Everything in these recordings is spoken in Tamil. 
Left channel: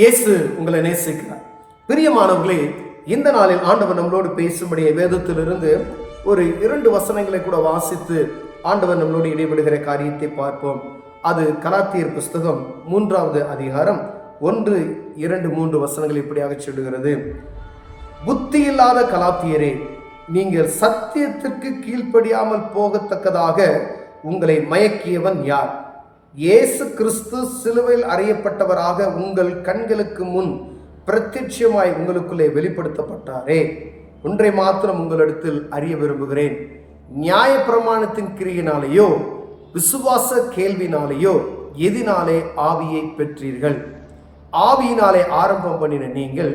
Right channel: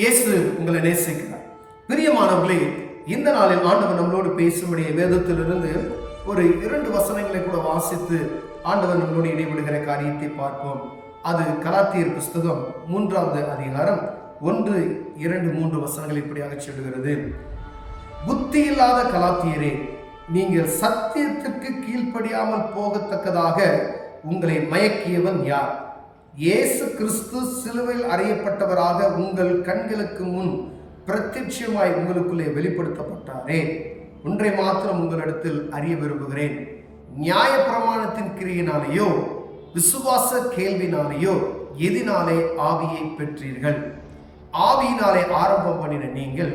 இயேசு உங்களை நேசிக்கிறார். பிரியமானவர்களே, இந்த நாளில் ஆண்டவர் நம்மளோடு பேசும்படிய வேதத்திலிருந்து ஒரு 2 வசனங்களை கூட வாசித்து ஆண்டவர் நம்மளோடு இடைபடுகிற காரியத்தை பார்ப்போம். அது கலாத்தியர் புஸ்தகம் 3வது அதிகாரம் 1, 2, 3 வசனங்கள் இப்படியாக சொல்லுகிறது. புத்தி இல்லாத கலாத்தியரே, நீங்கள் சத்தியத்திற்கு கீழ்ப்படியாமல் போகத்தக்கதாக உங்களை மயக்கியவன் யார்? இயேசு கிறிஸ்து சிலுவையில் அறையப்பட்டவராக உங்கள் கண்களுக்கு முன் பிரத்யட்சமாய் உங்களுக்குள்ளே வெளிப்படுத்தப்பட்டாரே. ஒன்றை மாத்திரம் உங்களிடத்தில் அறிய விரும்புகிறேன். நியாய பிரமாணத்தின் கிரியினாலேயோ விசுவாச கேள்வினாலேயோ எதினாலே ஆவியை பெற்றீர்கள்? ஆவியினாலே ஆரம்பம் பண்ணின நீங்கள்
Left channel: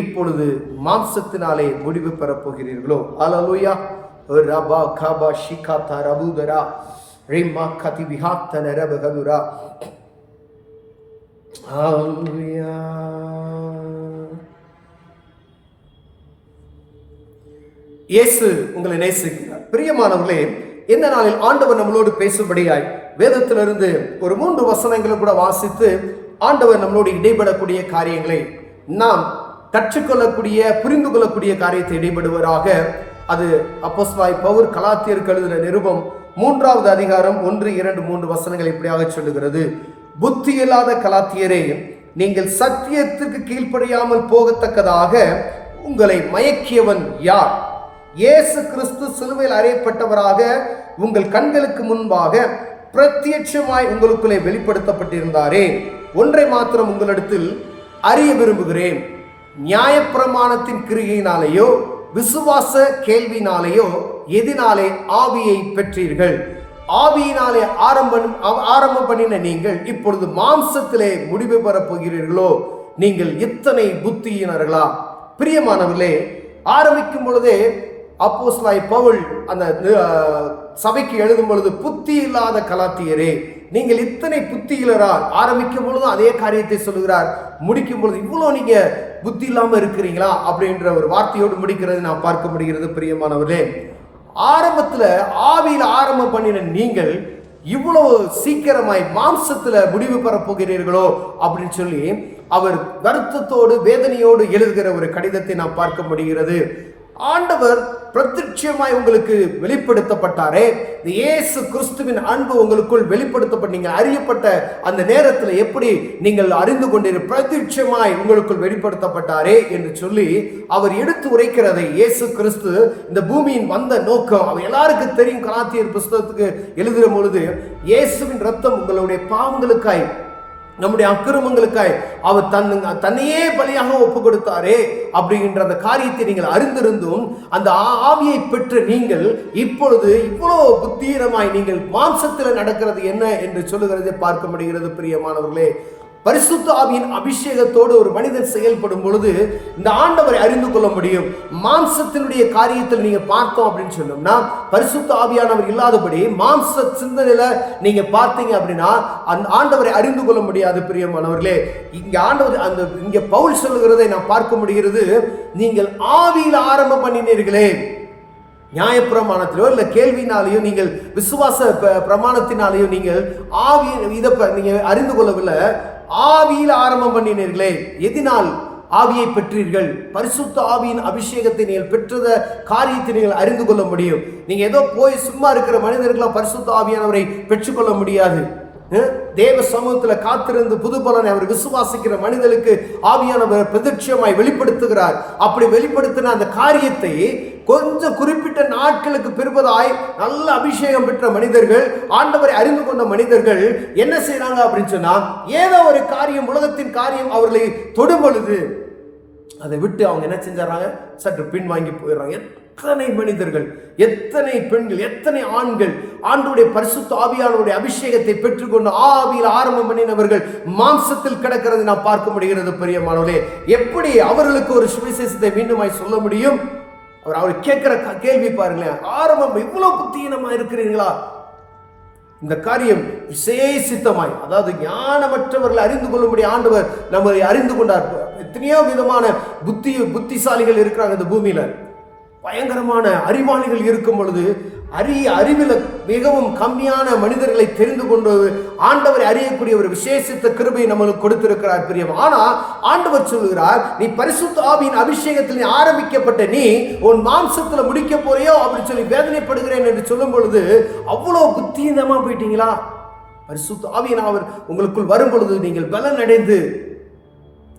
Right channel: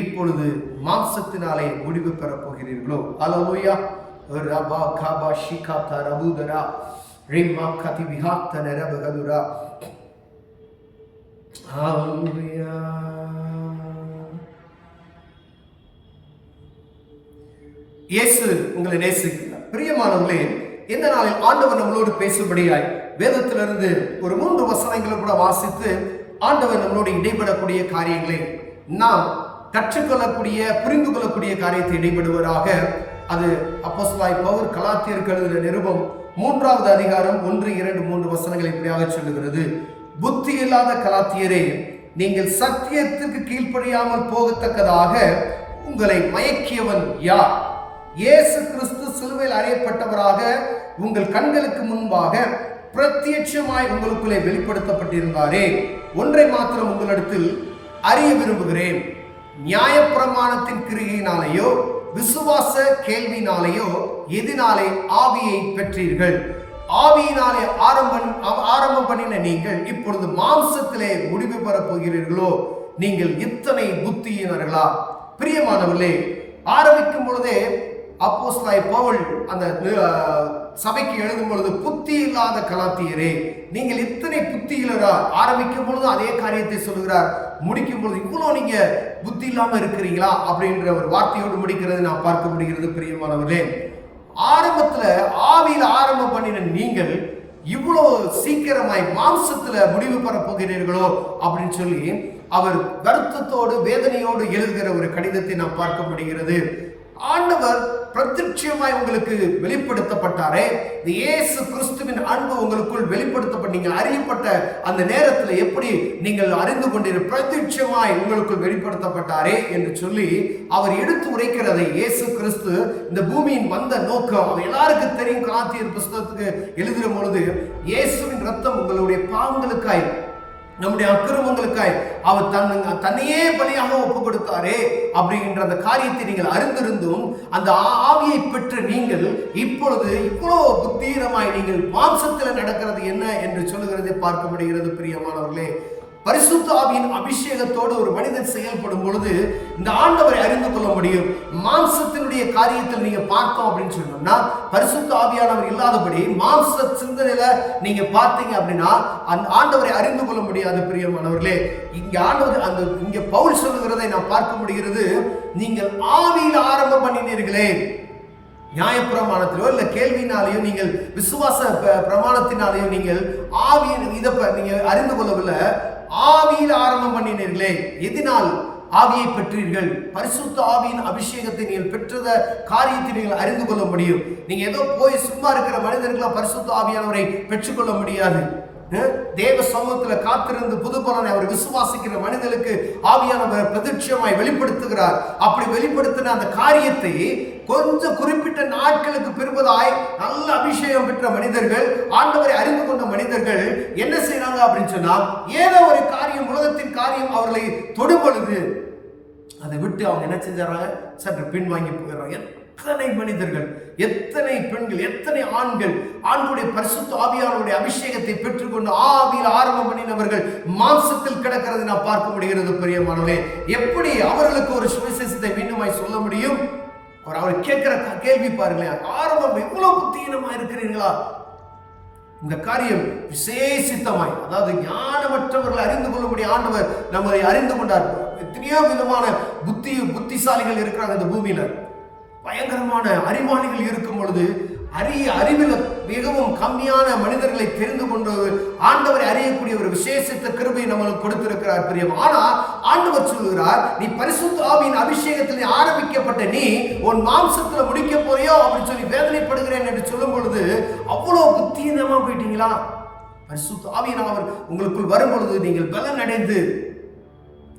இப்பொழுது மாம்சத்தினாலே முடிவு பெறப் போகிறீர்களோ? அல்லேலூயா. ரபா கபா ஷிகாதா ரபுதரா ரிமா கதி விஹாத்தன ரபகதுரா. அல்லேலூயா. இயேசு உங்களை நேசிக்கிறார். பிரியமானவர்களே, இந்த நாளில் ஆண்டவர் நம்மளோடு பேசும்படியாய் வேதத்திலிருந்து ஒரு 3 வசனங்களை கூட வாசித்து ஆண்டவர் நம்மளோடு இடைபடக்கூடிய காரியங்களை நாம் கற்றுக்கொள்ளக்கூடிய, புரிந்து கொள்ளக்கூடிய காரியத்தை இடைபடுவராக. அது அப்போஸ்தலனாகிய பவுல் கலாத்தியருக்கு எழுதின நிருபம் 3வது அதிகாரம் 1, 2, 3 வசனங்கள் இப்படியாக சொல்லுகிறது. புத்தி இல்லாத கலாத்தியரே, நீங்கள் சத்தியத்துக்கு கீழ்ப்படியாமல் போகத்தக்கதாக உங்களை மயக்கியவன் யார்? இயேசு கிறிஸ்து சிலுவையில் அறையப்பட்டவராக உங்கள் கண்களுக்கு முன்பாக பிரத்யட்சமாய் உங்களுக்குள்ளே வெளிப்படுத்தப்பட்டிருந்தாரே. ஒன்றை மாத்திரம் உங்களிடத்தில் அறிய விரும்புகிறேன். நியாயப்பிரமாணத்தின் கிரியினாலேயோ விசுவாச கேள்வினாலேயோ எதினாலே ஆவியை பெற்றீர்கள்? ஆவியினாலே ஆரம்பம் பண்ணின நீங்கள் இப்பொழுது மாம்சத்திலே முடிவு பெறப் போகிறீர்களோ? நீங்கள் இத்தனை புத்தியினர்களா? பிரியமானவர்களே, ஆரம்பிக்கும் பொழுதே அப்போஸ்தலனாகிய பவுல் அந்த சபைக்கு எழுதும் பொழுது, புத்தி இல்லாத கலாத்தியரே, நீங்கள் இத்தனை புத்தியிலரா? ஆரம்பிக்கும் பொழுது அதே காரியத்தை சொல்லுகிறார். முடிக்கும் பொழுது இவ்வளோ நீங்க புத்தி இல்லாம இருக்கிறீங்களா அப்படின்ற ஒரு வார்த்தையோடு முடிக்கிறது நாம் பார்க்க முடிகிறது. பிரியமானவர்களே, ஆரம்பத்துல ஆவியில ஆரம்பம் பண்ணின நீங்கள் இவ்வளவு சீக்கிரமாய் மாம்சத்துல முடிவு பெற போகிறீர்களோ அப்படின்னு சொல்லி அவர் வருத்தத்தோடு வேதனையோடு எழுதுகிற ஒரு கடிதத்தை நாம் பார்க்க முடிகிறது. ஆண்டவர் பிரத்யட்சமாய் உங்களுக்கு வெளிப்படுத்தப்பட்டாரே. இயேசு கிறிஸ்துவின் அன்பு உங்களுக்குள் வெளிப்படுத்தப்பட்டீங்க. அறியப்பட்ட அந்த நேரத்தில் எப்படி நீங்கள் அறிந்து கொண்டீர்கள்? பிரத்யட்சமாய் உங்களுக்குள் வெளிப்படுத்தப்பட்டாரே என்று சொல்லி அவர் எடுத்து உரைக்கிறதை, இயேசு கிறிஸ்து இந்த பூமியின் வந்த நோக்கம் அவர் எல்லாருக்கும் தெரியும். கலாத்தியர் புஸ்தகத்துக்கு எழுதுகிற பொழுது, இயேசுவின் ரத்தம் உங்களுடைய பாவங்களுக்காய், நம்முடைய அக்கிரமங்களுக்காய் அவர் தன்னையே பலியாக ஒப்பு கொடுத்தாரே அப்படின்ற அந்த காரியத்தை நீங்கள் அறிந்திருந்தும் அந்த ஆவியை பெற்ற நீங்கள் இப்பொழுது இவ்வளவு புத்தீரமாய் நீங்கள் மாம்சத்தில் நடக்கிறது என்ன என்று சொல்லுகிறதை பார்க்க முடிகிறது. பிரியமானவர்களே, பரிசுத்த ஆவியின் அபிஷேகத்தோடு ஒரு மனிதன் செயல்படும் பொழுது இந்த ஆண்டவரை அறிந்து கொள்ள முடியும். மாம்சத்தினுடைய காரியத்தில் நீங்க பார்த்தோம் அப்படின்னு சொன்னோம்னா, பரிசுத்த ஆவியானவர் இல்லாதபடி மாம்ச சிந்தனையில நீங்க பார்த்தீங்க அப்படின்னா அந்த ஆண்டவரை அறிந்து கொள்ள முடியாது. பிரியமானவர்களே, இங்க ஆண்டவர் இங்க பவுல் சொல்லுகிறதை நாம் பார்க்க முடிகிறது. நீங்கள் ஆவியில் ஆரம்பம் பண்ணினீர்களே. நியாயப்பிரமாணத்திலோ இல்லை கேள்வினாலேயோ நீங்கள் விசுவாச பிரமாணத்தினாலேயோ நீங்கள் ஆவியை நீங்க அறிந்து கொள்ளவில்லை. ஆவியில் ஆரம்பம் பண்ணினீர்களே. எதினால் ஆவியை பெற்றீர்கள்? பரிசுத்த ஆவியின் அபிஷேகத்தை நீங்கள் பெற்றத காரியத்தை நீங்கள் அறிந்து கொள்ள முடியும். நீங்க ஏதோ போய் சும்மா இருக்கிற மனிதர்களாம் பரிசுத்த ஆவியானவரை பெற்றுக்கொள்ள முடியாது. தேவ சமூகத்தில் காத்திருந்து புது பலனை அவர் விசுவாசிக்கிற மனிதனுக்கு ஆவியானவர் பிரத்யட்சமாய் வெளிப்படுத்துகிறார். அப்படி வெளிப்படுத்தின அந்த காரியத்தை கொஞ்சம் குறிப்பிட்ட நாட்களுக்கு பிறப்பதாய் நல்ல அபிஷேகம் பெற்ற மனிதர்கள், ஆண்டவரை அறிந்து கொண்ட மனிதர்கள் என்ன செய்யறாங்க அப்படின்னு சொன்னா, ஏதோ ஒரு காரியம், உலகத்தின் காரியம் அவர்களை தொடும் பொழுது அதை விட்டு அவங்க என்ன செஞ்சாங்க? சற்று பின்வாங்கி போயிடுறாங்க. எத்தனை மனிதர்கள், எத்தனை பெண்கள், எத்தனை ஆண்கள் ஆண்டவருடைய பரிசுத்த ஆவியானவருடைய அபிஷேகத்தை பெற்றுக்கொண்டு ஆவியில் ஆரம்பம் பண்ணினவர்கள் மாம்சத்தில் கிடக்கிறது நாம் பார்க்க முடிகிறது. பிரியமானவர்களே, எப்படி அவர்களுக்கு ஒரு சுவிசேஷத்தை மீண்டுமாய் சொல்ல முடியும்? அவர் கேட்கிற கேள்வி பாருங்களேன். ஆரம்பம் இவ்வளவு புத்தீனமா இருக்கிறீர்களா? இந்த காரியம் விசேஷித்தமாய், அதாவது ஞானமற்றவர்களை அறிந்து கொள்ளும்படி ஆண்டவர் நம்மை அறிந்து கொண்டார். எத்தனையோ விதமான புத்திசாலிகள் இருக்கிறாங்க இந்த பூமியில. பயங்கரமான அறிவாளிகள் இருக்கும் பொழுது அறிவில் மிகவும் கம்மியான மனிதர்களை தெரிந்து கொண்டது ஆண்டவரை அறியக்கூடிய ஒரு விசேஷித்த கிருபை நமக்கு கொடுத்திருக்கிறார் பிரியம். ஆனா ஆண்டவர் சொல்கிறார், நீ பரிசுத்த ஆவியின் அபிஷேகத்தில் ஆரம்பிக்கப்பட்ட நீ உன் மாம்சத்துல முடிக்க போறியோ அப்படின்னு சொல்லி வேதனைப்படுகிறேன் என்று சொல்லும் பொழுது அவ்வளவு புத்தீனமா போயிட்டீங்களா? பரிசுத்த ஆவியானவர் உங்களுக்குள் வரும் பொழுது நீங்கள் பலன் அடைந்து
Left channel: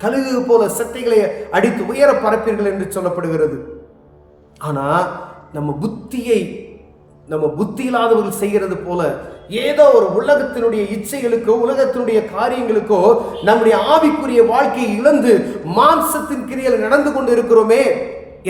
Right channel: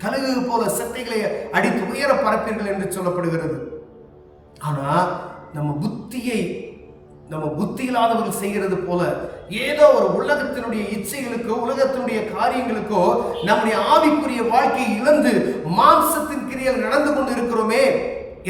கழுகு போல சட்டைகளை அடித்து உயர பரப்பீர்கள் என்று சொல்லப்படுகிறது. ஆனா நம்ம புத்தி இல்லாதவர்கள் செய்கிறது போல ஏதோ ஒரு உலகத்தினுடைய இச்சைகளுக்கோ உலகத்தினுடைய காரியங்களுக்கோ நம்முடைய ஆவிக்குரிய வாழ்க்கையை இழந்து மாம்சத்தின் கிரியையில் நடந்து கொண்டு இருக்கிறோமே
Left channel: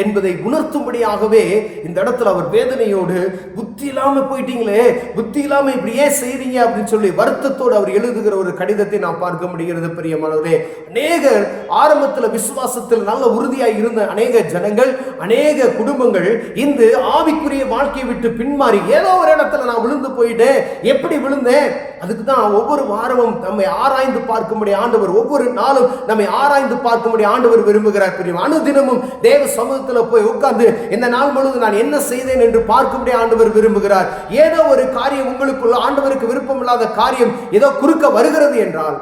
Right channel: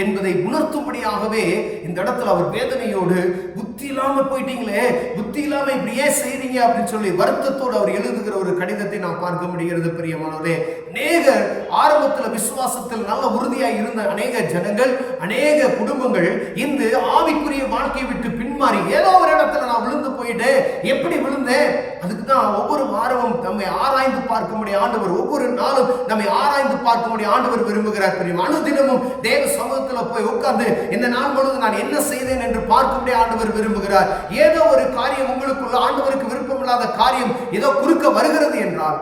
என்பதை உணர்த்தும்படியாகவே இந்த இடத்துல அவர் வேதனையோடு, புத்தி இல்லாம போயிட்டீங்களே, புத்தி இல்லாம இப்படியே செய்றீங்க அப்படின்னு சொல்லி வருத்தத்தோடு அவர் எழுதுகிற ஒரு கடிதத்தை நாம் பார்க்க முடிகிறது பிரியமானவரே. அநேக ஆரம்பத்தில் விசுவாசத்தில் நல்ல உறுதியாய் இருந்த அநேக ஜனங்கள், அநேக குடும்பங்கள் இந்த ஆவிக்குரிய வாழ்க்கையை விட்டு பின்மாறி ஏதோ ஒரு இடத்துல நான் விழுந்து போயிட்டேன். எப்படி விழுந்தேன்? அதுக்கு தான் ஒவ்வொரு வாரமும் நம்மை ஆராய்ந்து பார்க்கும்படி ஆண்டவர், ஒவ்வொரு நாளும் நம்மை ஆராய்ந்து பார்க்கும்படி ஆண்டவர் விரும்புகிறார் பிரியம். அனுதினமும் தேவ சமூகத்தில் போய் உட்கார்ந்து இந்த நாள் முழுவதும் நான் என்ன செய்தேன் என்று பார்க்கும்படி ஆண்டவர் விரும்புகிறார். ஏதோ ஒரு காரியம் உங்களுக்குள்ள ஆண்டவருக்கு விருப்பம் இல்லாத காரியம் ஏதோ குறுக்க வருகிறது என்றால்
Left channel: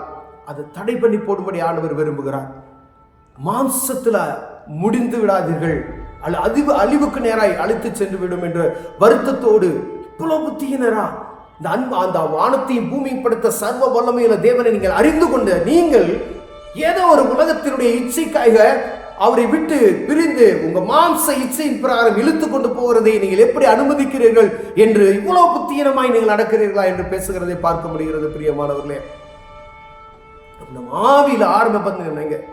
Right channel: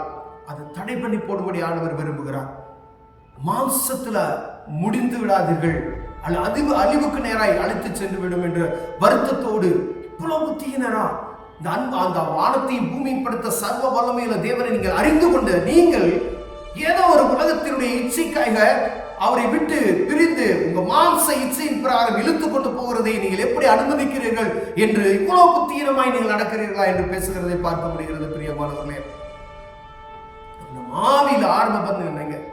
அது தடை பண்ணி போடும்படி ஆண்டவர் விரும்புகிறார். மாம்சத்துல முடிந்து விடாதீர்கள், அழிவுக்கு நேராய் அழைத்து சென்று விடும் என்ற வருத்தத்தோடு இவ்வளவு புத்தியினரா அந்த வானத்தையும் பூமியும் படுத்த சர்வ வல்லமையுள்ள தேவனை நீங்கள் அறிந்து கொண்டு நீங்கள் ஏதோ ஒரு உலகத்தினுடைய இச்சைக்காக அவரை விட்டு பிரிந்து உங்க மாம்ச இச்சையின் பிரகாரம் இழுத்து கொண்டு போகிறதை நீங்கள் எப்படி அனுமதிக்கிறீர்கள் என்று இவ்வளவு புத்தீனமாய் நீங்கள் நடக்கிறீர்களா என்று பேசுகிறதை பார்க்க முடிகிறது பிரியமானவர்களே. ஆவியில ஆரம்பம்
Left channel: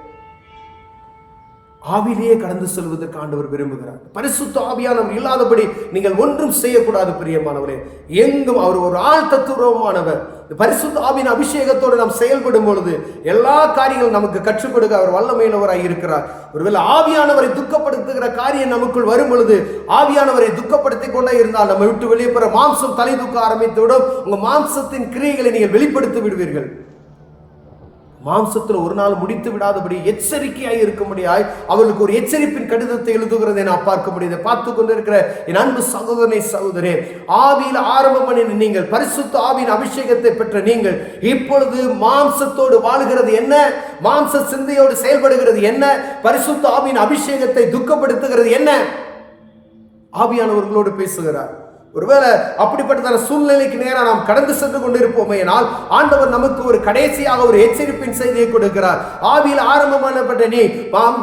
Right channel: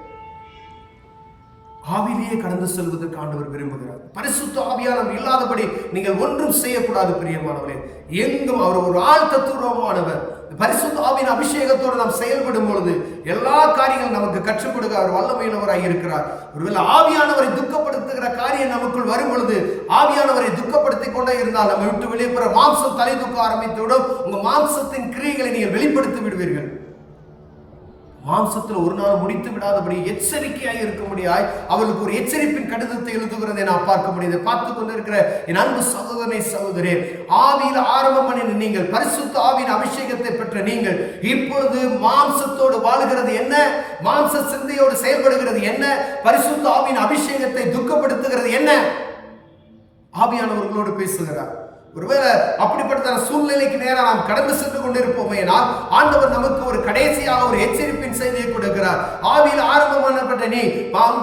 ஆவிலேயே கடந்து செல்வதற்கு ஆண்டவர் விரும்புகிறார். பரிசுத்த ஆவியானவர் இல்லாதபடி நீங்கள் ஒன்றும் செய்யக்கூடாது பிரியமானவரே. எங்கும் அவர் ஒரு ஆள் தத்துவமானவர். பரிசுத்த ஆவியின் அபிஷேகத்தோடு நாம் செயல்படும் பொழுது எல்லா காரியங்களும் நமக்கு கற்றுக் கொடுக்க அவர் வல்லமையுள்ளவராக இருக்கிறார். ஒருவேளை ஆவியானவரை துக்கப்படுத்துகிற காரியம் நமக்குள் வரும் பொழுது ஆவியானவரை துக்கப்படுத்திக் கொண்டே இருந்தால் நம்ம விட்டு வெளியே மாம்சம் தலை தூக்க ஆரம்பித்து விடும். உங்க மாம்சத்தின் கிரியைகளை நீங்கள் வெளிப்படுத்தி விடுவீர்கள். மாம்சத்தில் ஒரு நாள் முடித்து விடாதபடி எச்சரிக்கையாய் இருக்கும்படியாய் அவர்களுக்கு ஒரு எச்சரிப்பின் கடிதத்தை எழுதுகிறதை நான் பார்க்க முடியுது. பார்த்து கொண்டிருக்கிற என் அன்பு சகோதரனை சகோதரே, ஆவியில் ஆரம்பம் பண்ணின நீங்கள், பரிசுத்த ஆவியின் அபிஷேகத்தை பெற்ற நீங்கள் இப்பொழுது மாம்சத்தோடு வாழுகிறது என்ன, மாம்ச சிந்தையோடு செயல்படுகிறது என்ன, பரிசுத்த ஆவியின் அபிஷேகத்தை துக்கப்படுத்துகிறது என்ன? ஆவியானவர்களோடு பேசுகிறார். ஒருவேளை அப்படிப்பட்ட சூழ்நிலைக்கு நேராக நாம் கடந்து சென்று கொண்டிருப்போமே ஆனால் ஆண்டவர் நமக்கு ஒரு கடைசியாக ஒரு எச்சரிப்பின் செய்தியை கொடுக்கிறார். ஆவியில் ஆரம்பமானப்பட்ட நீ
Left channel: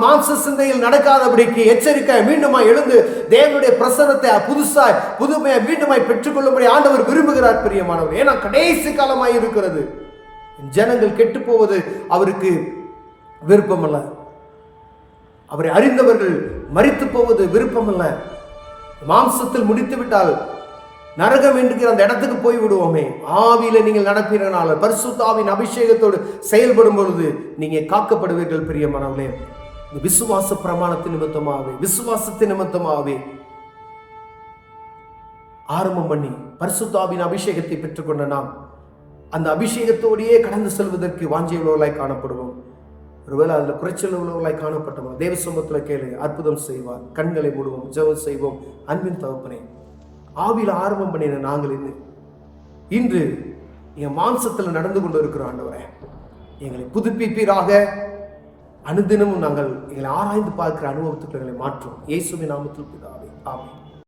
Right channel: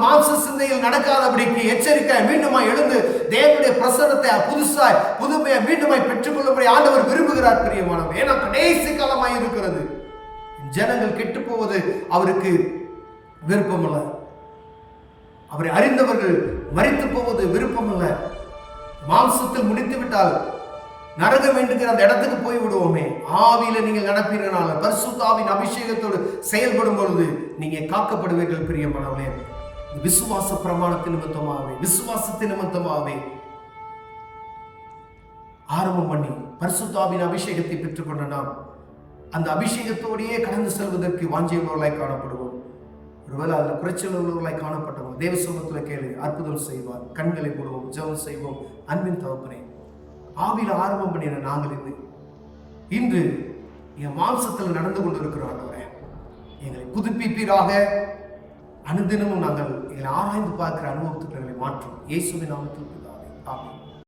மாம்ச சிந்தையில் நடக்காதபடிக்கு எச்சரிக்கை, மீண்டுமாய் எழுந்து தேவனுடைய பிரசன்னத்தை புதுமையை மீண்டுமாய் பெற்றுக்கொள்ளும்படி ஆண்டவர் விரும்புகிறார் பிரியமானவர். ஏன்னா கடைசி காலமாய் இருக்கிறது. ஜனங்கள் கெட்டு போவது அவருக்கு விருப்பமல்ல. அவரை அறிந்தவர்கள் மரித்து போவது விருப்பமல்ல. மாம்சத்தில் முடித்து விட்டால் நரகம் என்கிற அந்த இடத்துக்கு போய் விடுவோமே. ஆவியில நீங்கள் நடப்பீர்களால், பரிசுத்த ஆவியின் அபிஷேகத்தோடு செயல்படும் பொழுது நீங்க காக்கப்படுவீர்கள் பிரியமானவர்களே. விசுவாச பிரமாணத்தின் நிமித்தமாகவே ஆரம்பம் பண்ணி பரிசுத்த ஆவியின் அபிஷேகத்தை பெற்றுக்கொண்ட நாம் அந்த அபிஷேகத்தோடையே கடந்து செல்வதற்கு வாஞ்சியுள்ளவர்களாய் காணப்படுவோம். ஒருவேளை அதில் குறைச்சல் உள்ளவர்களாய் காணப்பட்டோம், தேவ சமூகத்தில் கேளு, அற்புதம் செய்வார். கண்களை மூடுவோம், ஜெபம் செய்வோம். அன்பின் தகப்பனே, ஆவியில் ஆரம்பம் பண்ணின நாங்கள் இன்று என் மாம்சத்தில் நடந்து கொண்டு இருக்கிறோம். ஆண்டவரே, எங்களை புதுப்பிப்பீராக. அனுதினமும் நாங்கள் எங்களை ஆராய்ந்து பார்க்கிற அனுபவத்துக்கு எங்களை மாற்றும். இயேசுவின் நாமத்தில் பிதாவே, ஆமென்.